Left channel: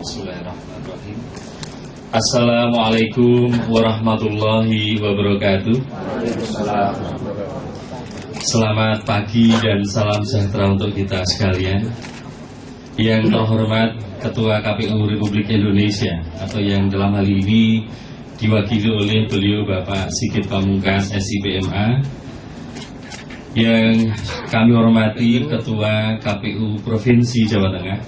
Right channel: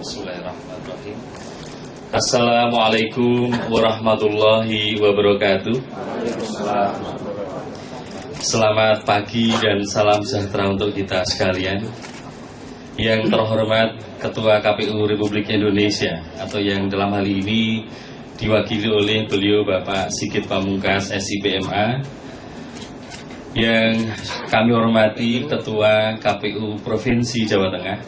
Bismillahirrahmanirrahim. Assalamualaikum warahmatullahi wabarakatuh. Selamat pagi dan salam sejahtera untuk kita sekalian. Yang terhormat Ketua KPU Republik Indonesia, atau yang dalam hal ini diwakili oleh beliau Bapak Sigit Pamungkas SIPMA. Yang kami hormati Ketua KPU Provinsi Jawa Tengah,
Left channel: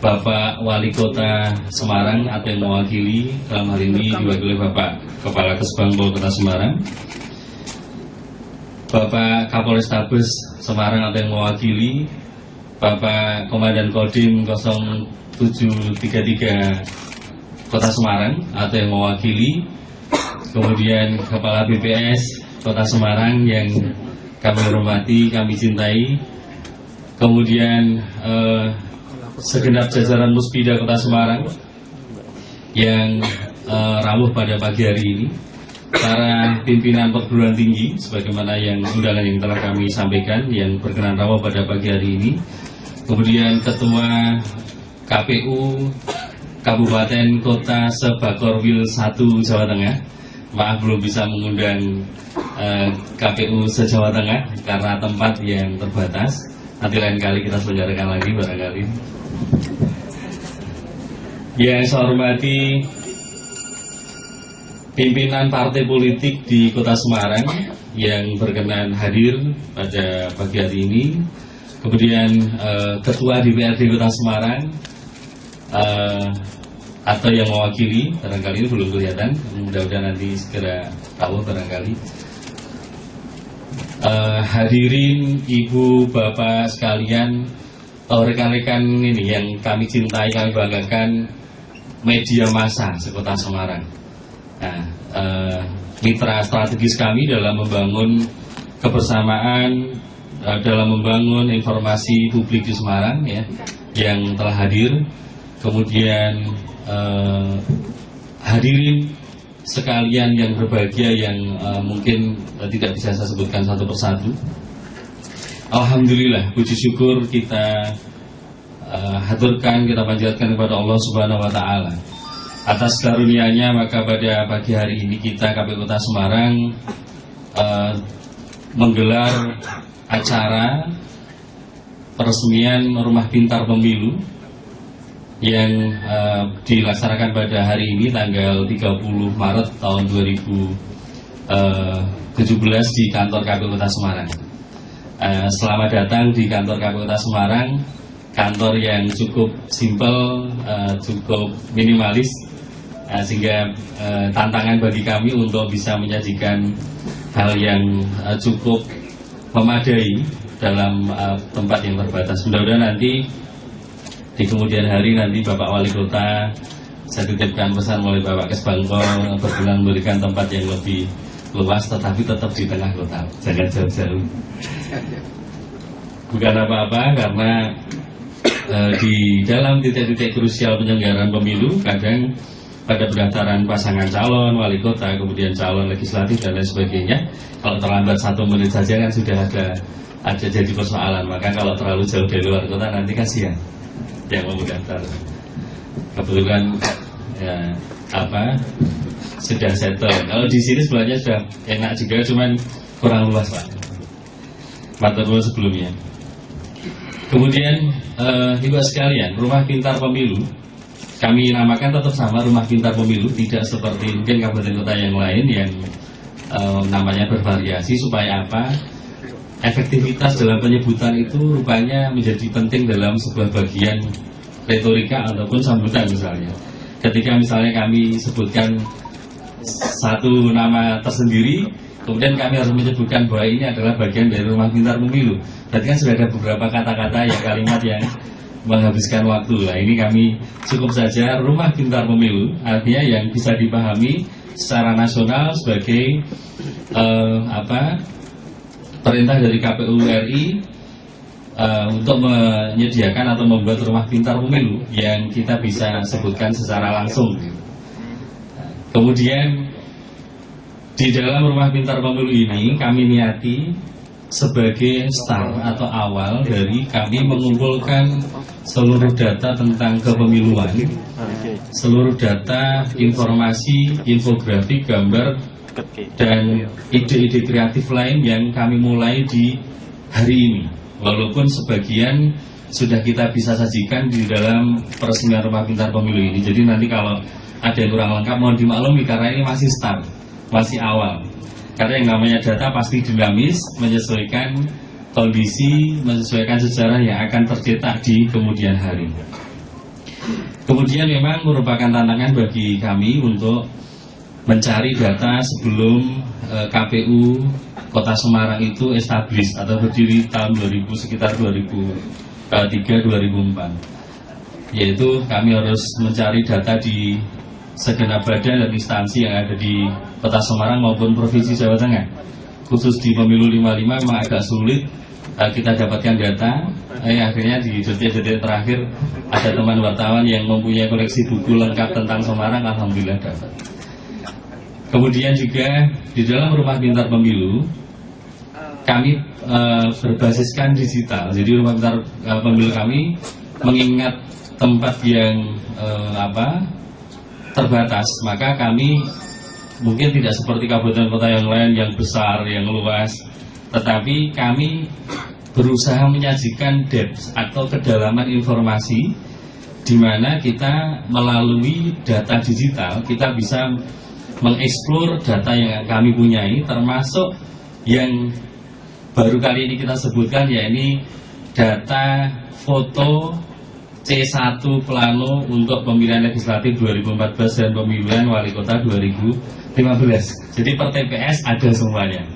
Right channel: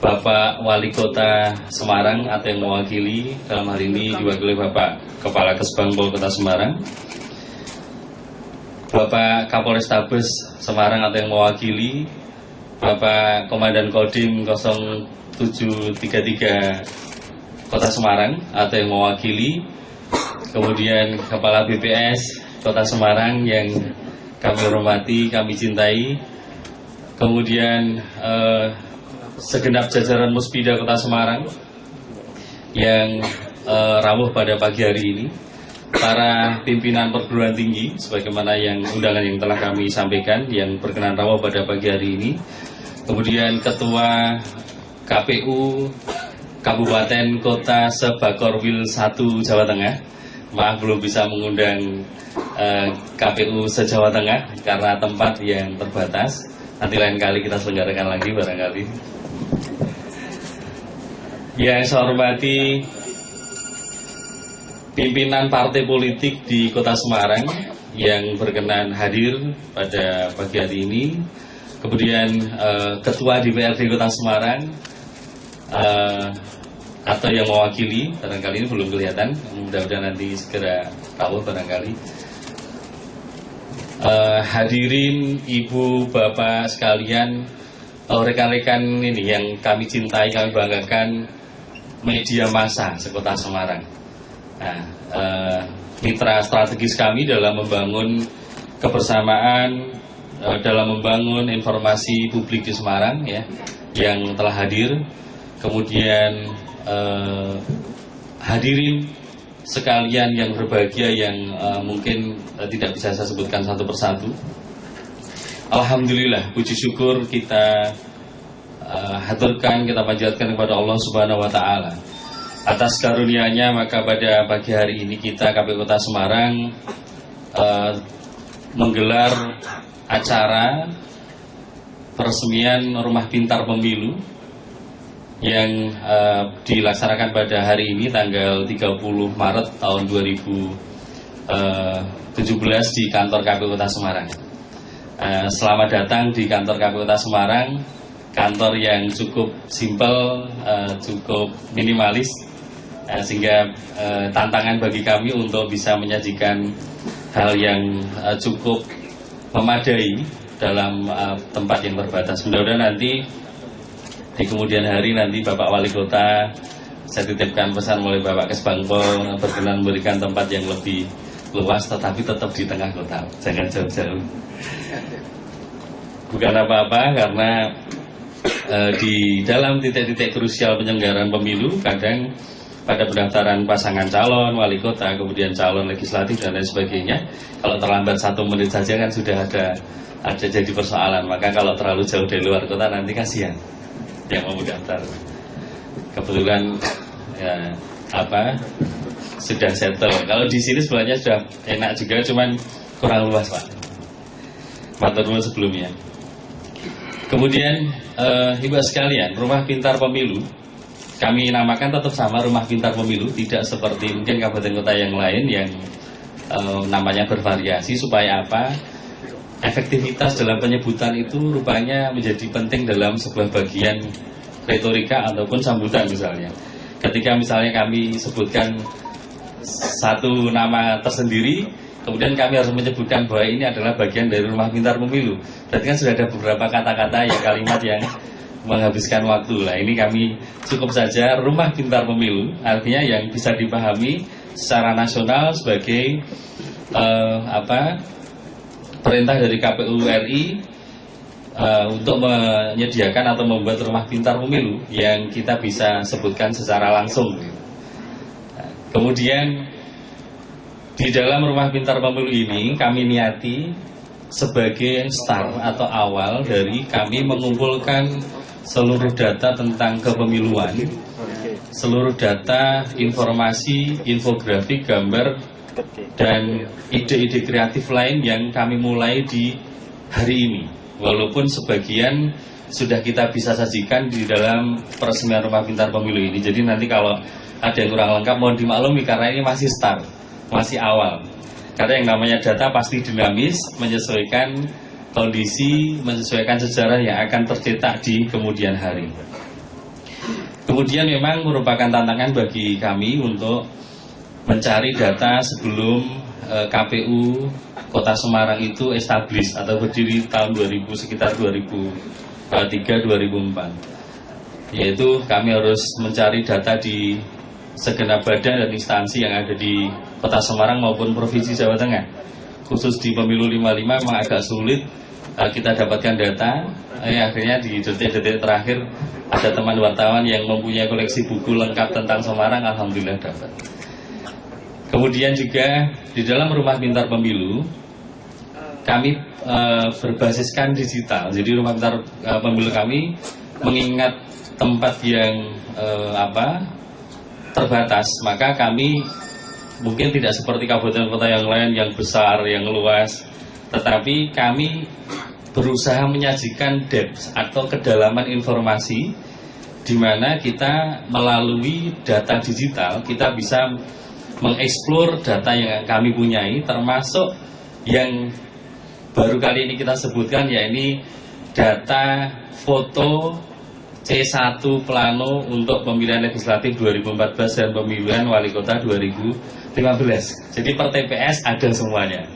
Bapak Wali Kota Semarang atau yang mewakili, dalam hal ini diwakili Bapak Kepala Kesbangpol Kota Semarang, Bapak Kapolrestabes Semarang atau yang mewakili, Bapak Komandan Kodim 0733 Kota Semarang atau yang mewakili, kemudian Kepala BPS Kota Semarang yang kami hormati, kami cintai, kemudian segenap jajaran Muspida Kota Semarang yang rawuh pada pagi hari ini, para pimpinan perguruan tinggi sebagaimana yang undangan yang telah kami sampaikan yang berkenan rawuh pada pagi hari ini, kemudian Ketua KPU Kabupaten Kota Sebakorwil 1 Jawa Tengah. Maaf belum bisa mengundang KPU se-Jawa Tengah karena tempat yang terbatas. Nanti lain kali kita selenggarakan lagi barangkali. Yang saya hormati pimpinan partai politik di Kota Semarang yang berkenan hadir pada pagi hari ini, kemudian Ketua DPRD Kota Semarang atau yang mewakili, barangkali ini belum kelihatan, mudah-mudahan nanti segera tahu barangkali. Hadirin ibu bapak sekalian, rekan-rekan ini yang kami cintai, kami banggakan, media massa sekota Semarang. Nah, mitra strategis kami dalam membangun kebersamaan, dalam membangun informasi publik di Semarang ya, yang telah hadir. Kemudian hadirin sekalian yang berbahagia yang mungkin tidak bisa saya sebutkan satu persatu. Alhamdulillah, puji syukur kita haturkan, kita panjatkan kepada Allah Subhanahu wa Ta'ala atas karunia-Nya. Maka pada pagi hari ini kita KPU Kota Semarang menggelar acara peresmian Rumah Pintar Pemilu yang dilaksanakan pada hari ini tanggal 30 Maret tahun 2017 di kantor KPU Kota Semarang. Selamat datang di kantor KPU Kota Semarang, kantor yang cukup simpel, cukup minimalis, sehingga tantangan bagi kami untuk bisa menyajikan hal yang cukup memadai dalam tempat yang terbatas. Mudah-mudahan nanti di kemudian hari nanti Bapak Wali Kota, saya titipkan pesan melalui Bapak Kesbangpol berkenan memberikan tempat yang lebih luas, tetapi tetap di tengah kota, jangan jauh-jauh. Bukan apa-apa, karena di dalam titik-titik krusial penyelenggaraan pemilu, kadang pada pendaftaran pasangan calon wali kota, kemudian calon legislatif dan lain sebagainya, kalau terlambat 1 menit saja kan sudah ada jadi persoalan. Maka kalau terlalu jauh dari luar kota nanti kasihan yang mau daftar. Kebetulan ya sudah settle. Kalau di sini sebenarnya sudah enak juga, cuman kurang luas Pak. Matur nuwun sebelumnya. Kemudian ibu sekalian, Rumah Pintar Pemilu kami namakan tetap sama, Rumah Pintar Pemilu, tidak seperti mungkin kabupaten kota yang lain yang namanya bervariasi. Supaya apa? Efektivitas dalam penyebutan itu rupanya menjadi penting dalam sebuah bagian retorika ataupun sambutan. Misalnya ketika misalnya kami sebutkan satu nama tersendiri, kemudian kami harus menyebutkan bahwa ini adalah bagian dari Rumah Pintar Pemilu, berarti kan sudah ada beberapa kata-kata yang kalimat yang menghabiskan waktu. Nah, ini kami cukup saja Rumah Pintar Pemilu, artinya yang bisa dipahami secara nasional sebagai perintah dari KPU RI untuk menyediakan atau membuat Rumah Pintar Pemilu yang kita bisa sebutkan secara langsung. Kemudian di dalam Rumah Pintar Pemilu ini kami niati sebagai start atau awal dari kami mengumpulkan seluruh data tentang kepemiluan, seluruh data, informasi, infografik, gambar, dan ide-ide kreatif lain yang kami mulai di hari ini. Walaupun sebagian sudah kita bisa sajikan di dalam peresmian Rumah Pintar Pemilu ini. Jadi nanti kalau ada yang kurang lengkap mohon dimaklumi karena ini masih start, masih awal. Karena yang namanya data pasti dinamis, menyesuaikan kondisi, menyesuaikan sejarah yang akan tercetak di kemudian hari. Kemudian memang merupakan tantangan bagi kami untuk mencari data sebelum KPU Kota Semarang itu establis atau berdiri tahun 2000, sekitar 2003-2004. Yaitu kami harus mencari data di segenap badan dan instansi yang ada di Kota Semarang maupun Provinsi Jawa Tengah. Khusus di Pemilu 55 memang agak sulit kita dapatkan data. Akhirnya di detik-detik terakhir ada teman wartawan yang mempunyai koleksi buku lengkap tentang Semarang, alhamdulillah dapat. Kemudian juga di dalam Rumah Pintar Pemilu kami berbasiskan digital. Jadi Rumah Pintar Pemilu kami mengingat tempat yang terbatas, maka kami mungkin tidak seperti kabupaten kota yang lain yang besar, yang luas, tetapi kami berusaha menyajikan depth atau kedalaman informasi di mana kita melalui data digital kita bisa mengeksplor data yang kami punyai, termasuk yang baru kali ini kita sebutkan, yakni data foto C1 plano untuk pemilihan legislatif 2014 dan pemilihan wali kota 2015. Jadi per TPS ada semuanya.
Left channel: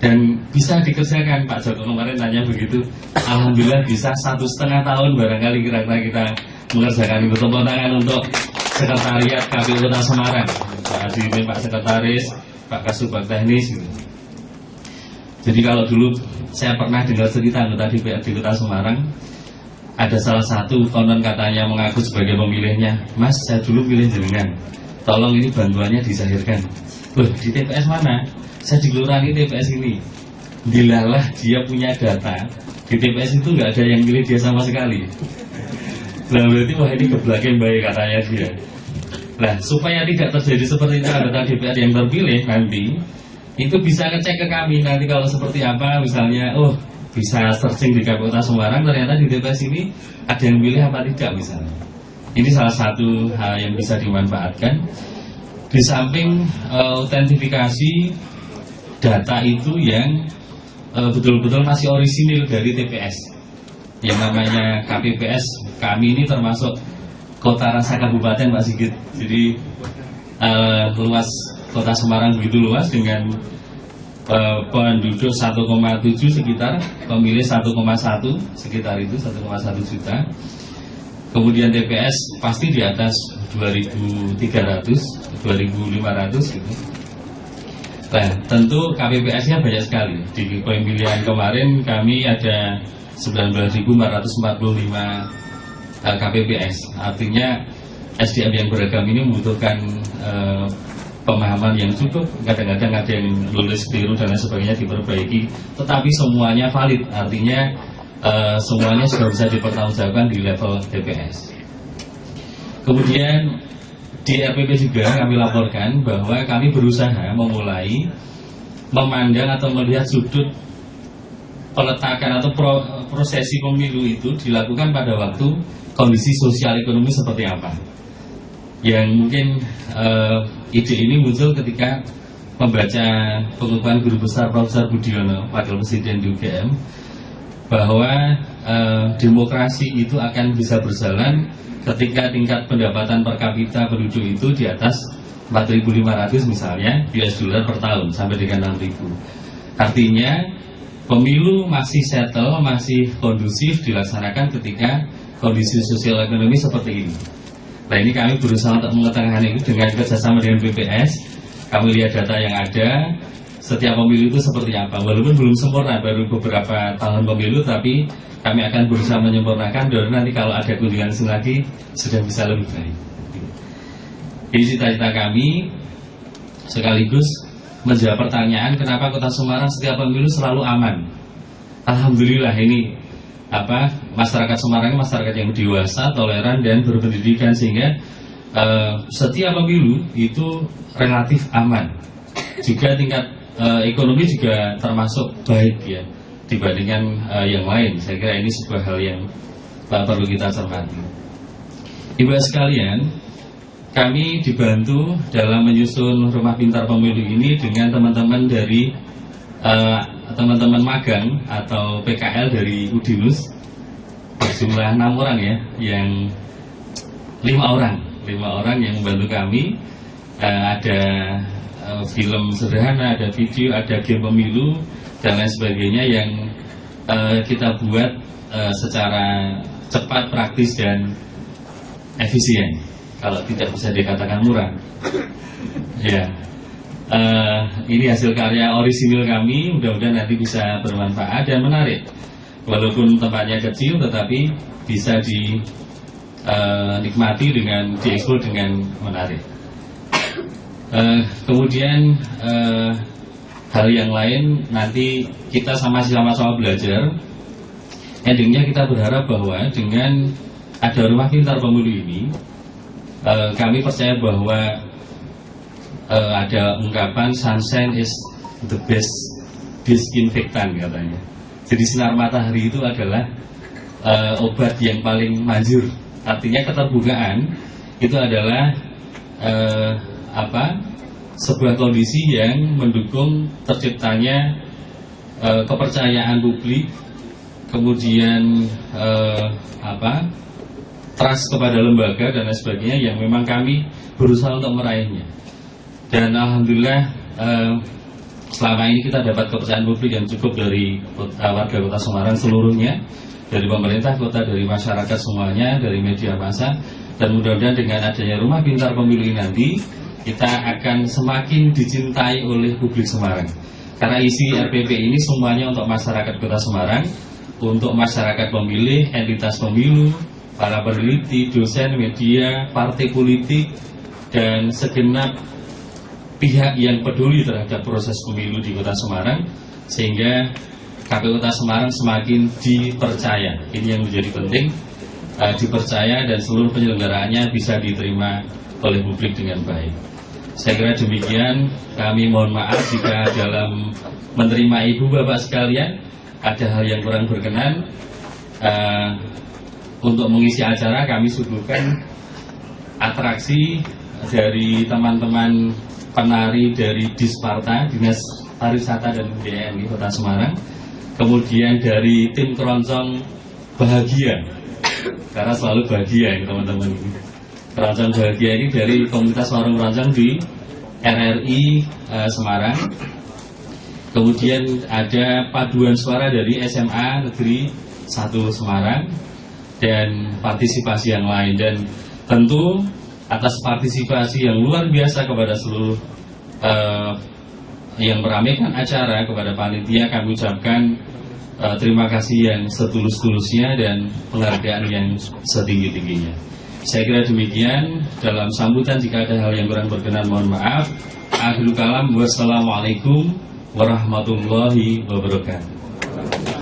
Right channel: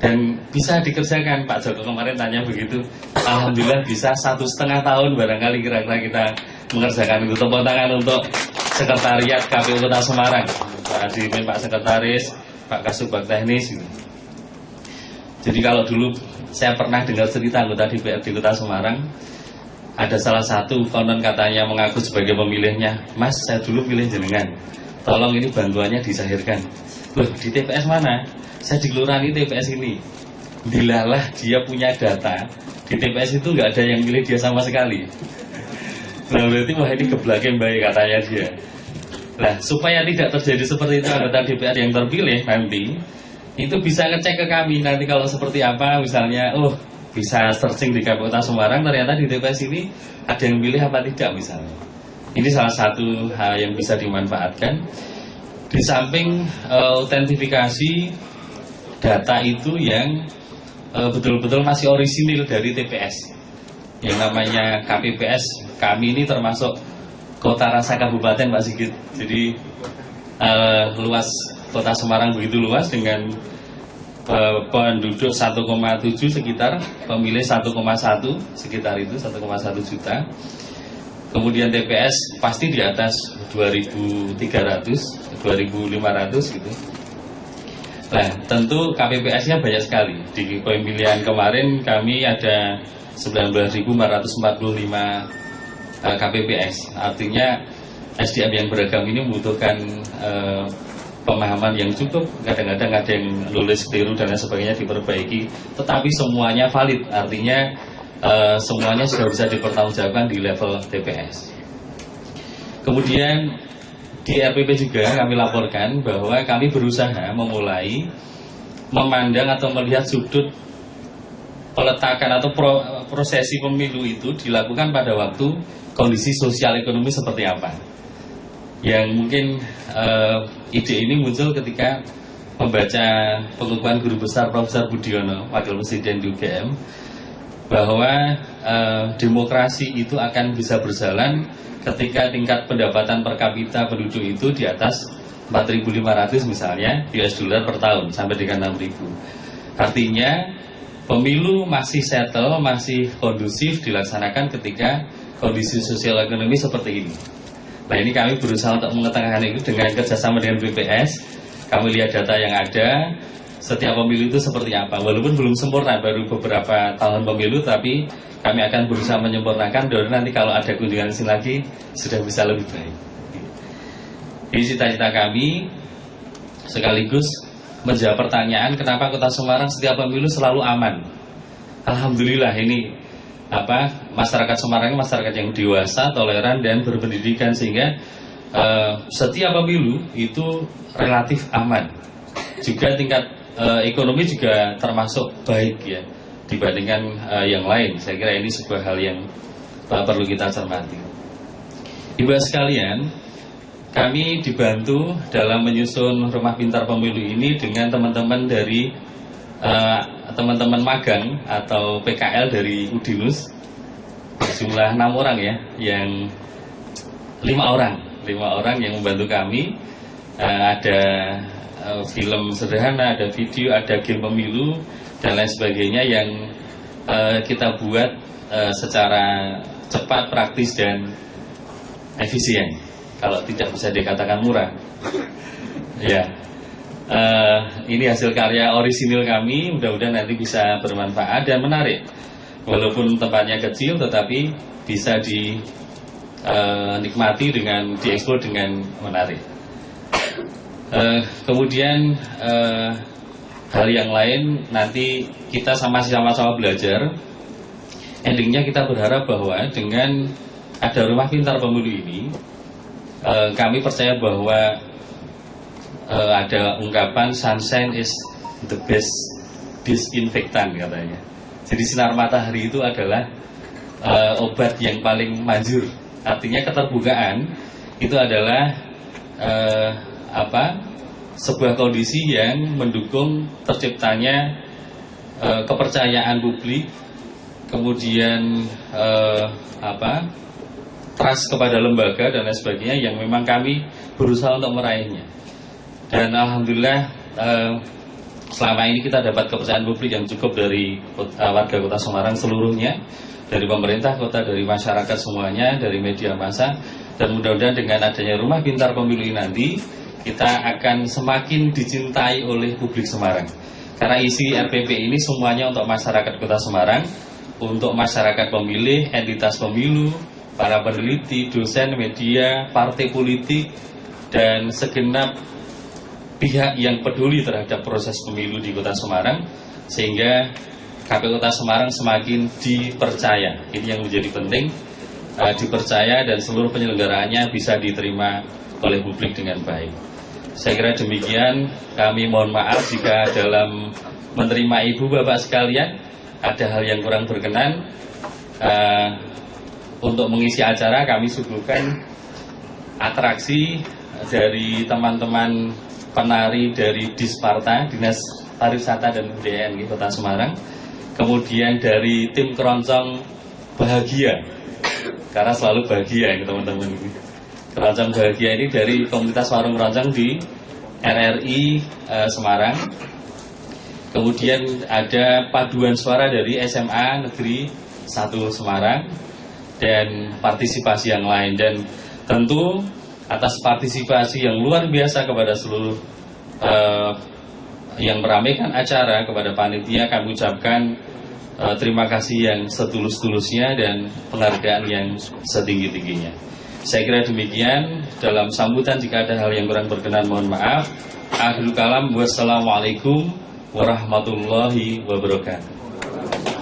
Dan bisa dikerjakan, Pak Joko kemarin tanya begitu. Alhamdulillah bisa 1,5 tahun barangkali kira-kira kita mengerjakan itu. Tepuk tangan untuk Sekretariat KPU Kota Semarang, Pak Adirin, Pak Sekretaris, Pak Kasubag Teknis. Jadi kalau dulu saya pernah dengar cerita anggota DPRD Kota Semarang, ada salah satu konon katanya mengaku sebagai pemilihnya, Mas saya dulu pilih jenengan, tolong ini bantuannya disahirkan. Loh di TPS mana? Saya di kelurahan ini TPS ini. Dilalah dia punya data, di TPS itu nggak ada yang milih dia sama sekali. Nah berarti wah ini geblakin baik katanya dia. Nah supaya tidak terjadi seperti itu anggota DPR yang terpilih nanti, itu bisa ngecek ke kami nanti kalau seperti apa, misalnya bisa searching di KPU Kota Semarang, ternyata di TPS ini ada yang pilih apa tidak misalnya. Ini salah satu hal yang bisa dimanfaatkan. Di samping autentifikasi data itu yang betul-betul masih orisinil dari TPS. Yang namanya KPPS, kami ini termasuk kota rasa kabupaten Pak Sigit. Jadi luas Kota Semarang begitu luas dengan penduduk 1,7 sekitar, pemilih 1,1 sekitar itu 1,1 juta. Kemudian TPS pasti di atas 2.300, 2.500 gitu. Nah tentu KPPS-nya banyak sekali. Di pemilihan kemarin kami ada 19.445 KPPS. Artinya SDM yang beragam ini membutuhkan pemahaman yang cukup, kadang-kadang ada yang lulus keliru dan lain sebagainya diperbaiki, tetapi semuanya valid, artinya semuanya sudah bisa dipertanggungjawabkan di level TPS. Kemudian di RPP juga kami laporkan bahwa kami berusaha memulai memandang atau melihat sudut peletakan atau prosesi pemilu itu dilakukan pada waktu kondisi sosial ekonomi seperti apa. Yang mungkin ide ini muncul ketika membaca pengukuhan Guru Besar Profesor Budiono, Wakil Presiden di UGM, bahwa demokrasi itu akan bisa berjalan ketika tingkat pendapatan per kapita penduduk itu di atas 4.500 misalnya US dollar per tahun sampai dengan 6.000. Artinya pemilu masih settle, masih kondusif dilaksanakan ketika kondisi sosial ekonomi seperti ini. Nah ini kami berusaha untuk mengetengahkan itu dengan kerjasama dengan BPS. Kami lihat data yang ada, setiap pemilu itu seperti apa. Walaupun belum sempurna, baru beberapa tahun pemilu, tapi kami akan berusaha menyempurnakan. Dan nanti kalau ada kunjungan lagi, sudah bisa lebih baik. Ini cita-cita kami, sekaligus menjawab pertanyaan kenapa Kota Semarang setiap pemilu selalu aman. Alhamdulillah ini masyarakat Semarang ini masyarakat yang dewasa, toleran dan berpendidikan, sehingga setiap pemilu itu relatif aman. Juga tingkat ekonomi juga termasuk baik ya dibandingkan yang lain. Saya kira ini sebuah hal yang perlu kita cermati. Ibu sekalian, kami dibantu dalam menyusun rumah pintar pemilu ini dengan teman-teman dari teman-teman magang atau PKL dari Udinus, berjumlah 6 orang ya, yang 5 orang yang membantu kami. Ada film sederhana, ada video, ada game pemilu dan lain sebagainya yang kita buat secara cepat, praktis dan efisien. Kalau tidak bisa dikatakan murah. Ya, ini hasil karya orisinil kami. Mudah-mudahan nanti bisa bermanfaat dan menarik. Walaupun tempatnya kecil, tetapi bisa dinikmati dengan diekspor dengan menarik. Kemudian hal yang lain nanti kita sama-sama belajar. Endingnya kita berharap bahwa dengan ada rumah pintar pemilu ini, kami percaya bahwa ada ungkapan sunshine is the best disinfektan katanya. Jadi sinar matahari itu adalah obat yang paling manjur. Artinya keterbukaan itu adalah sebuah kondisi yang mendukung terciptanya kepercayaan publik, kemudian trust kepada lembaga dan lain sebagainya yang memang kami berusaha untuk meraihnya. Dan alhamdulillah selama ini kita dapat kepercayaan publik yang cukup dari warga Kota Semarang seluruhnya, dari pemerintah kota, dari masyarakat semuanya, dari media massa. Dan mudah-mudahan dengan adanya rumah pintar pemilu nanti kita akan semakin dicintai oleh publik Semarang. Karena isi RPP ini semuanya untuk masyarakat Kota Semarang, untuk masyarakat pemilih, entitas pemilu, para peneliti, dosen, media, partai politik, dan segenap pihak yang peduli terhadap proses pemilu di Kota Semarang, sehingga KPU Kota Semarang semakin dipercaya. Ini yang menjadi penting, dipercaya dan seluruh penyelenggaraannya bisa diterima oleh publik dengan baik. Saya kira demikian. Kami mohon maaf jika dalam menerima ibu bapak sekalian ada hal yang kurang berkenan. Untuk mengisi acara kami suguhkan atraksi dari teman-teman penari dari Disparta, Dinas Pariwisata dan Kebudayaan di Kota Semarang. Kemudian dari tim keroncong bahagia, karena selalu bahagia ya teman-teman. Keroncong bahagia ini dari komunitas warung keroncong di RRI Semarang. Kemudian ada paduan suara dari SMA Negeri 1 Semarang dan partisipasi yang lain. Dan tentu atas partisipasi yang luar biasa kepada seluruh yang meramaikan acara, kepada panitia kami ucapkan terima kasih yang setulus-tulusnya dan penghargaan yang setinggi-tingginya. Saya kira demikian. Dalam sambutan jika ada hal yang kurang berkenan mohon maaf. Akhirul kalam, wassalamualaikum warahmatullahi wabarakatuh.